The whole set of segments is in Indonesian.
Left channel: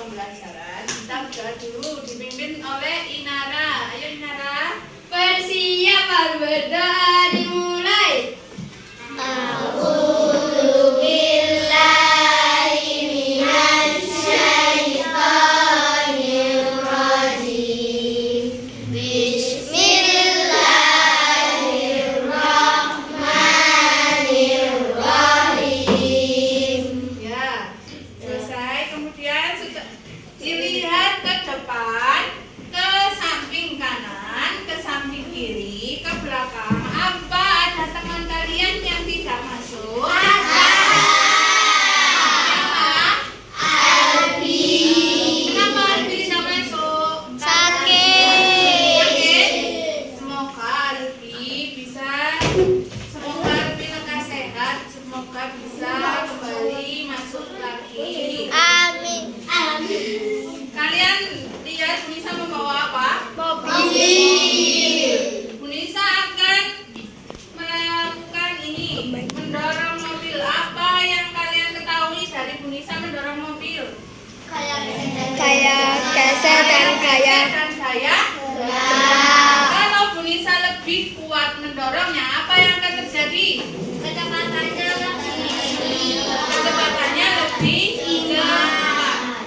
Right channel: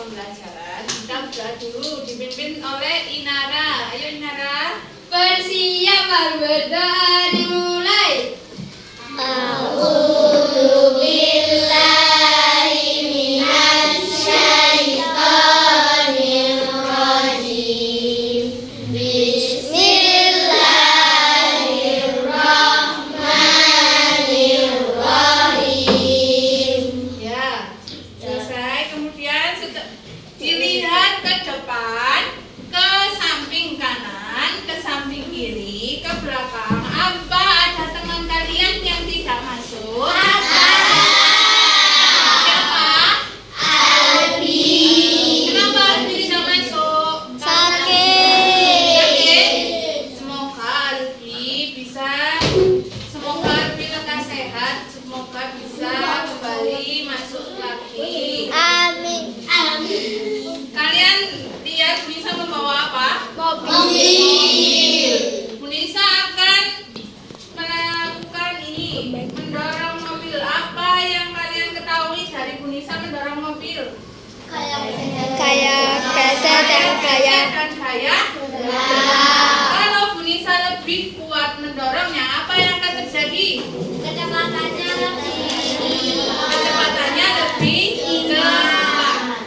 pembelajaran. Kita berdoa dulu dipimpin oleh Inara. Ayo Inara. Bersiap berdoa dimulai. Dilihat ke depan, ke samping kanan, ke samping kiri, ke belakang. Apa ada teman kalian yang tidak masuk? Siapa? Albi. Kenapa Albi tidak masuk? Sakit. Semoga Albi lekas sehat. Semoga bisa kembali masuk lagi. Amin. Kalian lihat Bunisa membawa apa? Mobil. Bunisa akan melakukan ini, mendorong mobil. Apa yang kalian ketahui dari Bunisa mendorong mobil? Kayak geser dan kayak gaya. Kalau Bunisa lebih kuat mendorongnya, apa yang akan terjadi? Kecepatannya lebih cepat.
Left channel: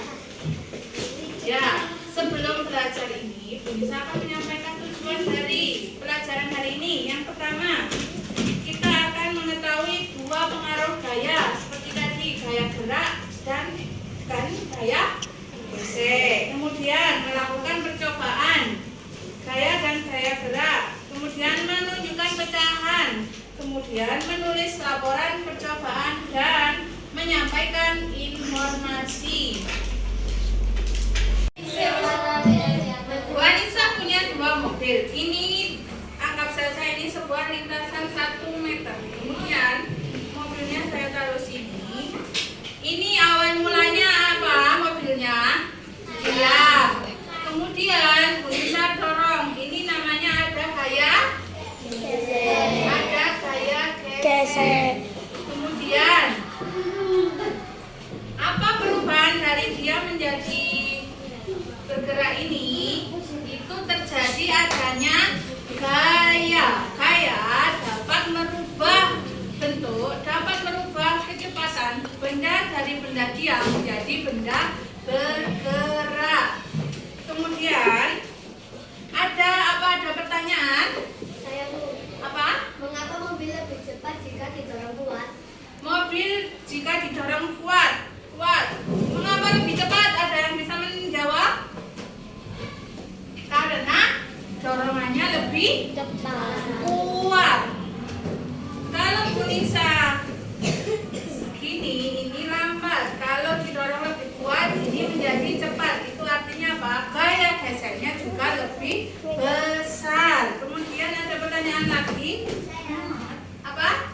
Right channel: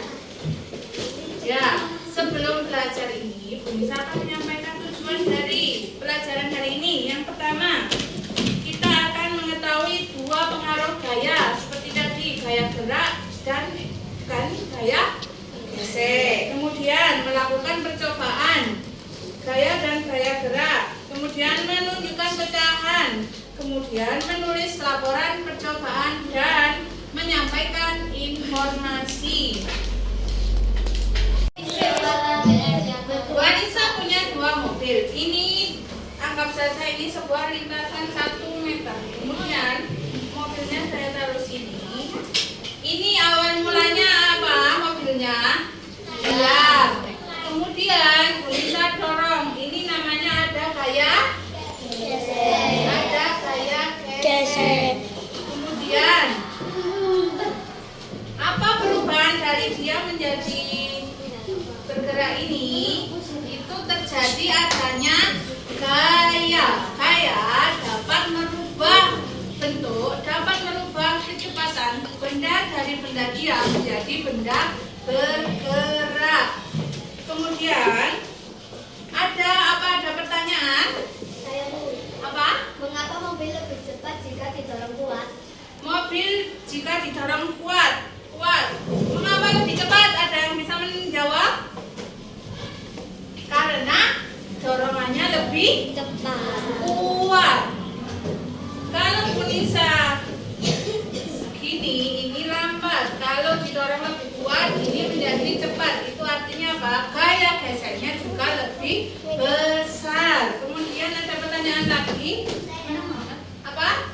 Ya, sebelum belajar ini, Bunisa akan menyampaikan tujuan dari pelajaran hari ini. Yang pertama, kita akan mengetahui dua pengaruh gaya, seperti tadi gaya gerak dan gaya bersih. Kemudian melakukan percobaan gaya dan gaya gerak. Kemudian menunjukkan pecahan. Kemudian menulis laporan percobaan dan menyampaikan informasi. Wanita punya dua mobil. Ini anggap saja ini sebuah lintasan 1 meter. Kemudian mobilnya saya taruh sini. Ini awal mulanya apa mobilnya? Gelap. Kemudian bisa dorong. Ini namanya ada gaya geser. Kemudian apa perubahan dari dia menjadi bergerak ini? Itu terjadi adanya gaya. Gaya dapat merubah bentuk, dapat merubah kecepatan benda dari benda diam menjadi benda bergerak. Kemudian ada pertanyaan? Apa? Mengapa mobil lebih cepat jika didorong kuat? Mobil jika didorong kuat. Mengapa lebih cepat? Ada yang bisa menjawab? Karena dorongannya lebih Cepat. kuat. Kalau Bunisa segini, ini lambat. Kalau didorong lebih kuat, ini menjadi cepat. Itu artinya apa? Gaya gesernya juga lebih besar. Kemudian ada pertanyaan lagi. Apa?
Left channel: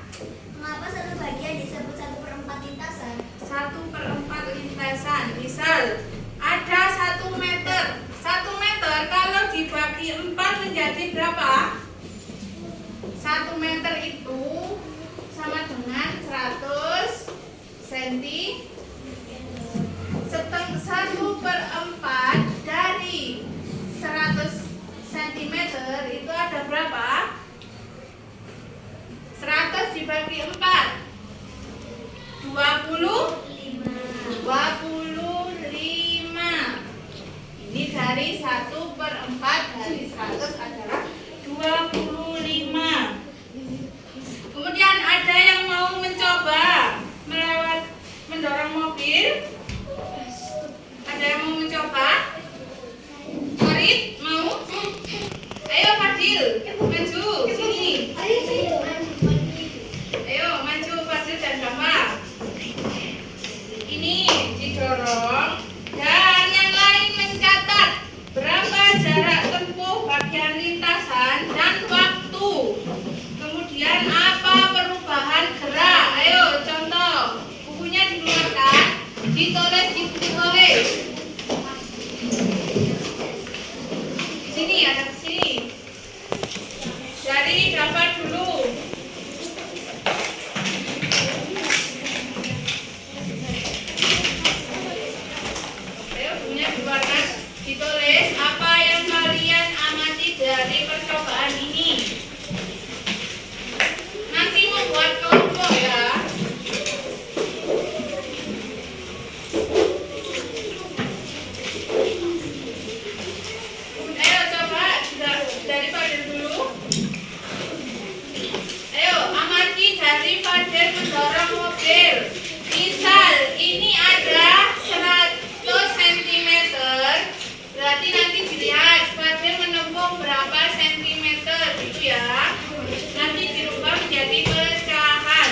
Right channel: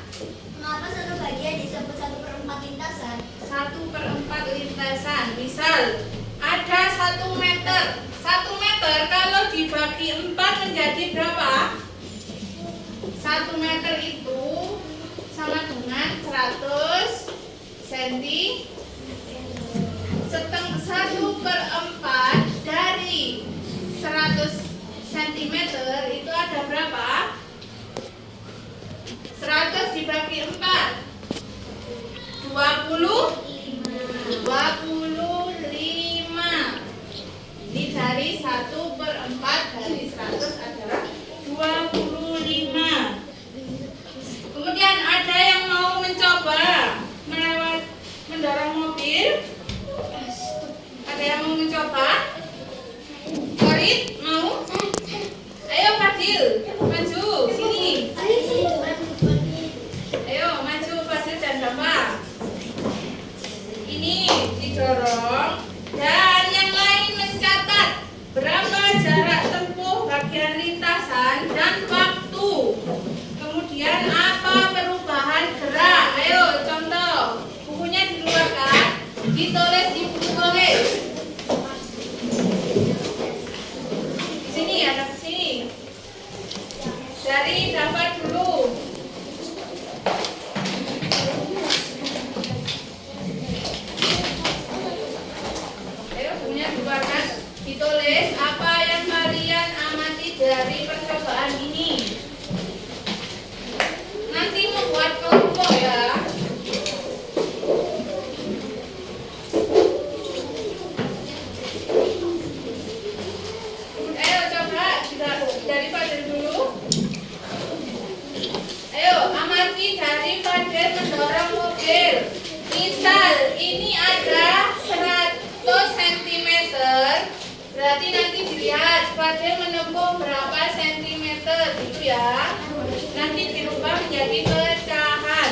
Mengapa satu bagian disebut 1/4 lintasan? 1/4 lintasan. Misal ada 1 meter. 1 meter kalau dibagi 4 menjadi berapa? 1 meter itu sama dengan 100 cm. 1/4 dari 100 cm itu ada berapa? 100 dibagi 4 25. Ini dari 1/4 dari 100 adalah 25. Kemudian ada yang mau mencoba mendorong ujungnya diwarna ditulis apa yang kalian amati dari percobaan ini. Nanti membuat kelompok ya. Ayo coba dari Fadil dulu. Ayo amati dari Fadil mendorong mobil. Misal ini ada 100 cm, berarti nanti dilihat Fadil menempuh berapa sentimeter gitu ya. Nanti dirubah menjadi pecahan.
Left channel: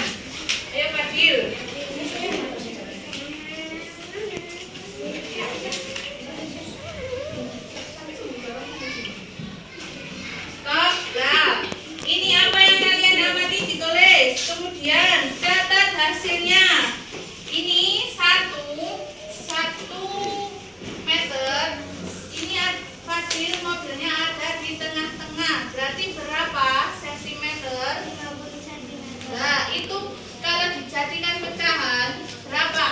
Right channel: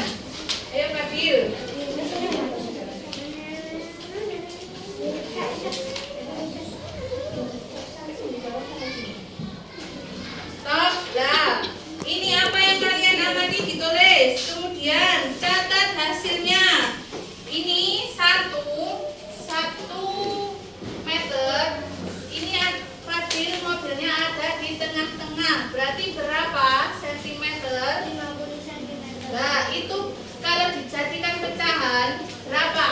Ayo Fadil. Stop. Nah, ini apa yang kalian amati ditulis. Kemudian catat hasilnya. Ini 1 meter. Ini Fadil mobilnya ada di tengah-tengah. Berarti berapa sentimeter? 50 cm. Nah, itu kalau dijadikan pecahan berapa?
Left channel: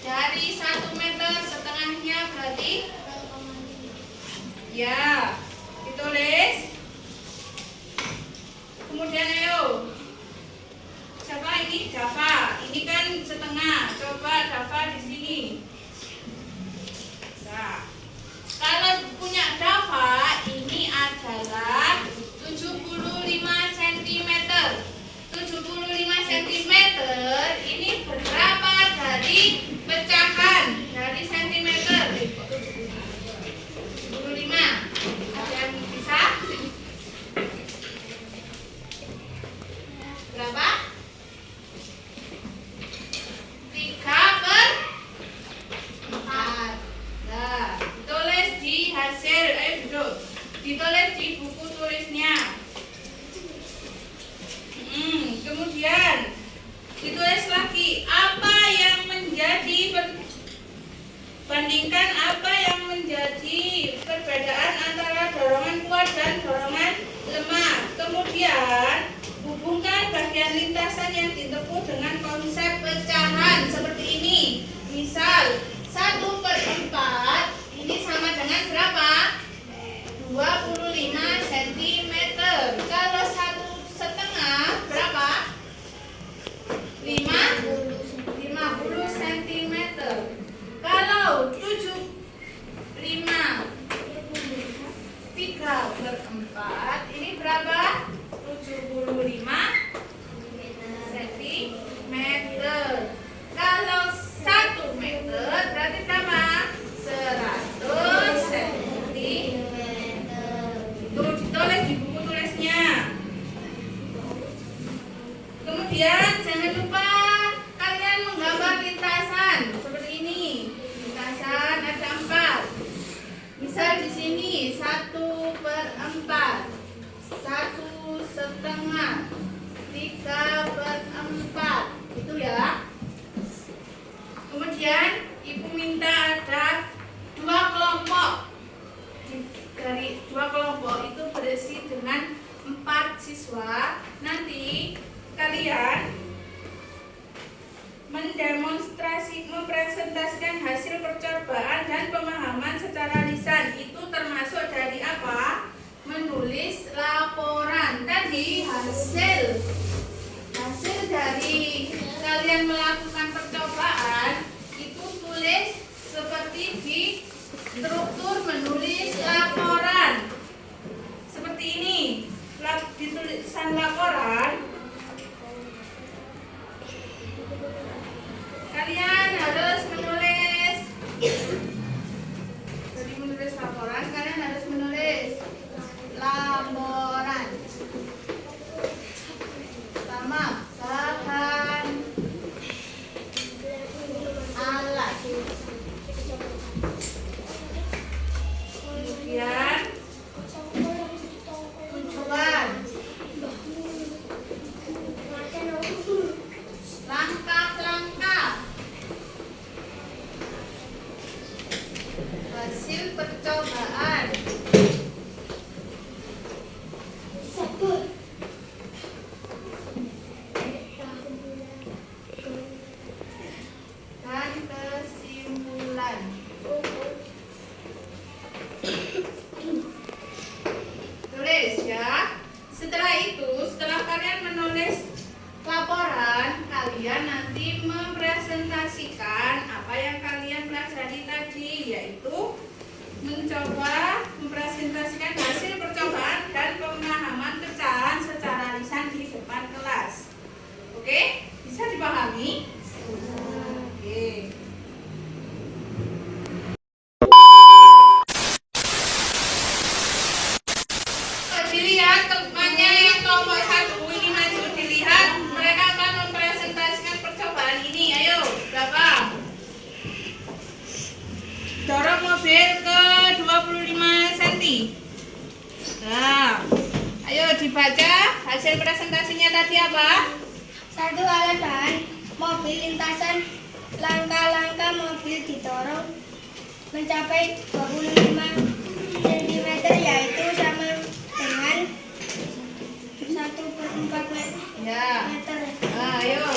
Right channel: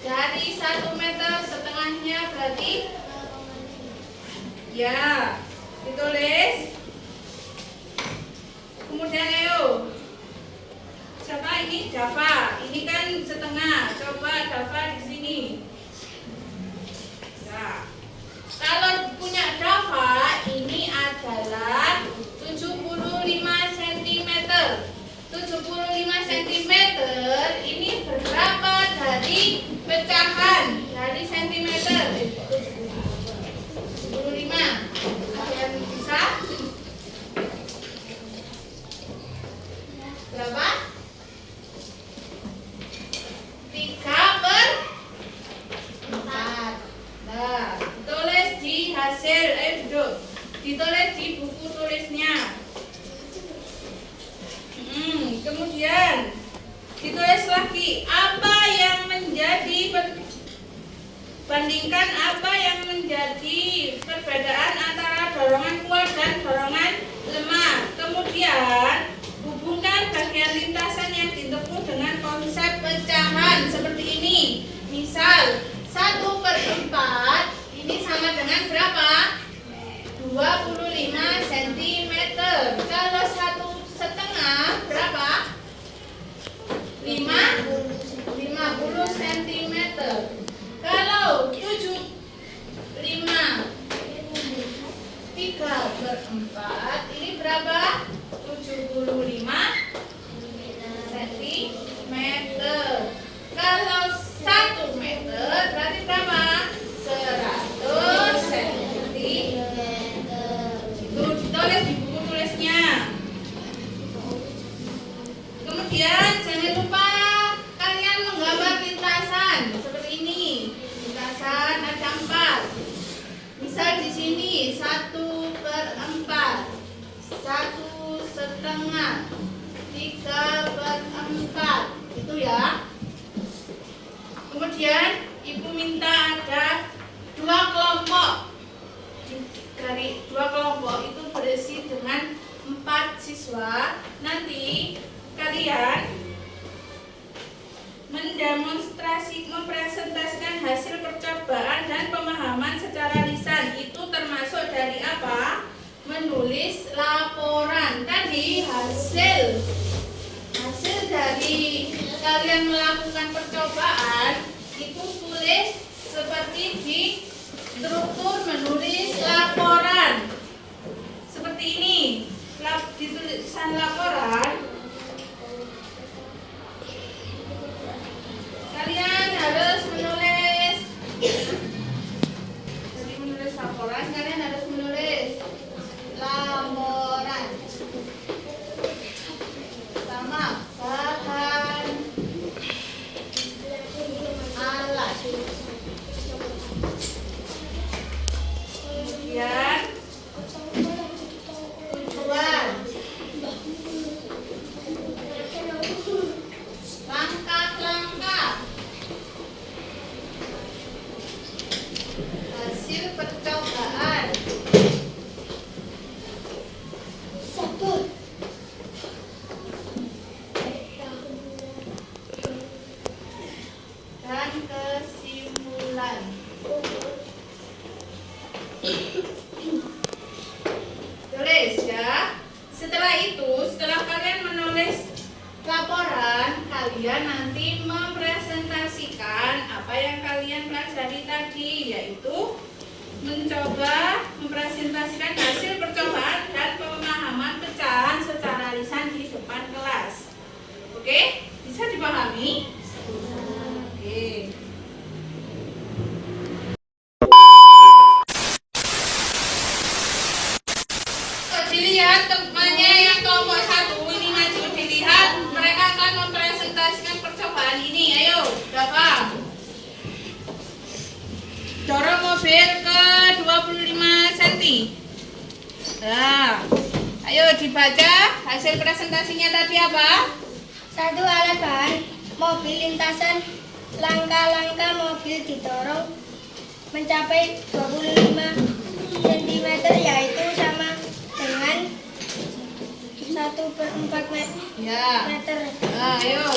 Dari 1 meter setengahnya berarti ya, ditulis. Kemudian ayo. Siapa ini? Dava. Ini kan setengah. Coba Dava di sini. Nah, kalau punya Dava ini adalah 75 cm. 75 cm ini berapa dari pecahan? Dari sentimeter. 75. Ada yang bisa? Berapa? 3/4. Nah, ditulis di hasil, duduk. Ditulis di buku tulisnya. Kemudian ditulis lagi apa yang menjadi bandingkan apa yang menjadi perbedaan antara dorongan kuat dan dorongan lemah. Kemudian hubungkan bagian lintasan yang ditempuh dengan konsep pecahan seperti ini. Misal 1/4 ini sama dengan berapa? 25 cm. Kalau 1/2 berapa? 50 cm. Kalau 75 3/4 ini berapa? 75 cm. Kalau 1 meter berarti berapa? 100 cm. Itu ditulis di buku tulisnya. Kemudian jangan lupa kalian menggambar lintasan seperti ini. Lintasan ada 4. Misal di sini 1/4, 1/2, 3/4 itu ya. Kemudian ibu minta ada 2 kelompok. Dari 2 kelompok itu berisi dengan 4 siswa. Nanti kalian mempresentasikan hasil percobaan dan pemahaman secara lisan. Itu termasuk dari apa? Menulis laporan. Tadi hasil dari kalian melakukan percobaan itu tulis seperti di struktur menulis laporan. Seperti ini. Di tulisan laporan kalian harus menulis. Jadi menulis laporan kalian harus menulis laporan. Pertama, bahan alat. Kemudian tujuan, langkah-langkah, hasil percobaan, dan kesimpulan. Tulis ya. Setelah itu, setelah kalian menulis laporan, kalian nanti mempresentasikan apa yang kalian pelajari tadi, yaitu mencoba mempresentasikan hasil percobaan dan pemahaman pecahan secara lisan di depan kelas. Oke? Bisa dipahami? Oke. Dilihat temannya yang kelompok 1 ini maju, dilihat mereka akan mempresentasikan percobaan ini. Ayo, Bapak. Dorong mobil ke 25 cm. Nah, ayo dibaca hasil presentasinya tadi apa? 1. Alat bahan mobil lintasan, langkah-langkah mobil didorong mencapai 25 cm, yaitu sama dengan 1/4 Ya. meter. Nah, ayo.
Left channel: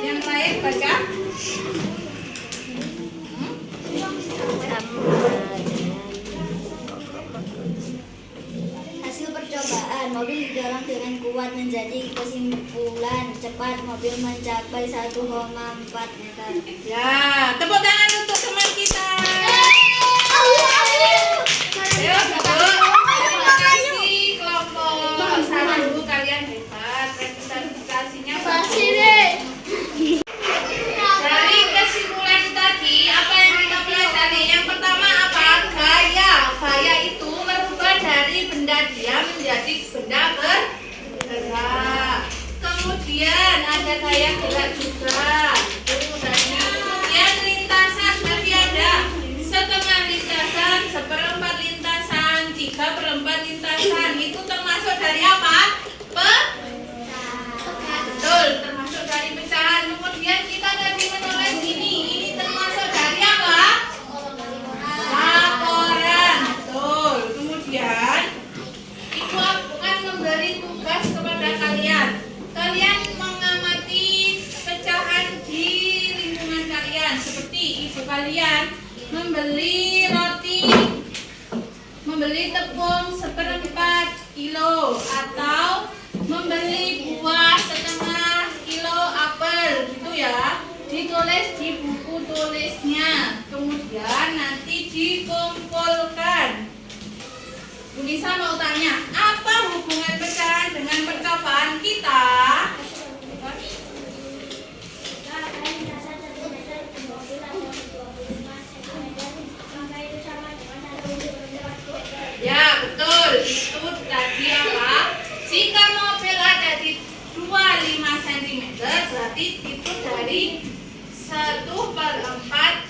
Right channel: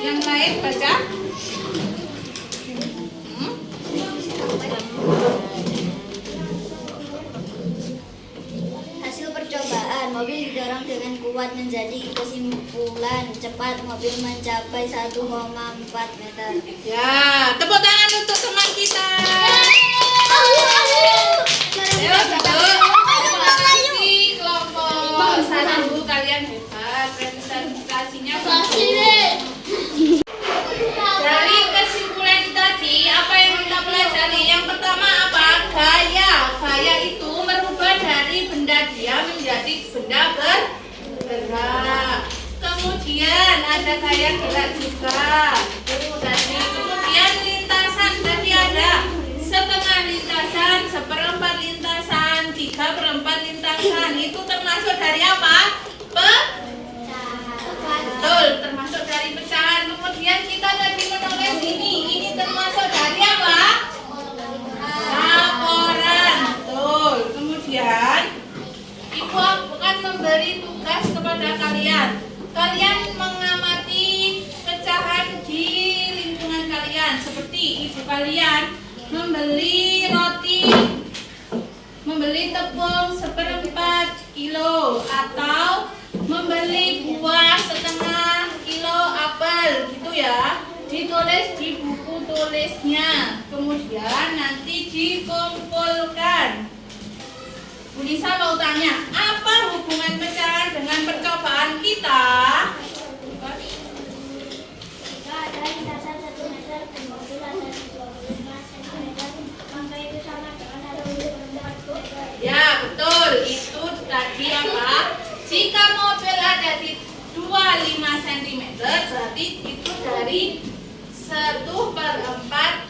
Yang lain baca. Hasil percobaan, mobil didorong dengan kuat menjadi kesimpulan cepat mobil mencapai 1,4 meter. Ya, tepuk tangan untuk teman kita. Ayo, duduk. Terima kasih kelompok 1, kalian hebat. Presentasinya bagus. Dari kesimpulan tadi, apa yang kita pelajari? Yang pertama apa? Gaya. Gaya itu merubah dari benda diam menjadi benda bergerak. Kemudian ada gaya gerak juga. Kemudian lintasan tadi ada setengah lintasan, seperempat lintasan, 3/4 lintasan. Itu termasuk dari apa? Betul, termasuk dari pecahan. Kemudian kita tadi menulis ini termasuk dari apa? Laporan. Betul. Kemudian Ibu akan memberi tugas kepada kalian. Kalian mengamati pecahan di lingkungan kalian. Seperti ibu kalian membeli roti, membeli tepung 1/4 kilo, atau membeli buah 1/2 kilo apel, gitu ya. Ditulis di buku tulisnya, kemudian nanti dikumpulkan. Bu Nisa mau tanya, apa hubungan pecahan dengan percobaan kita? Ada lintasan 1 meter, mobil ada 25 cm, maka itu sama dengan 1/4 meter. Ya, betul. Itu tadi apa? Jika mobil ada di 25 cm, berarti itu dari 1/4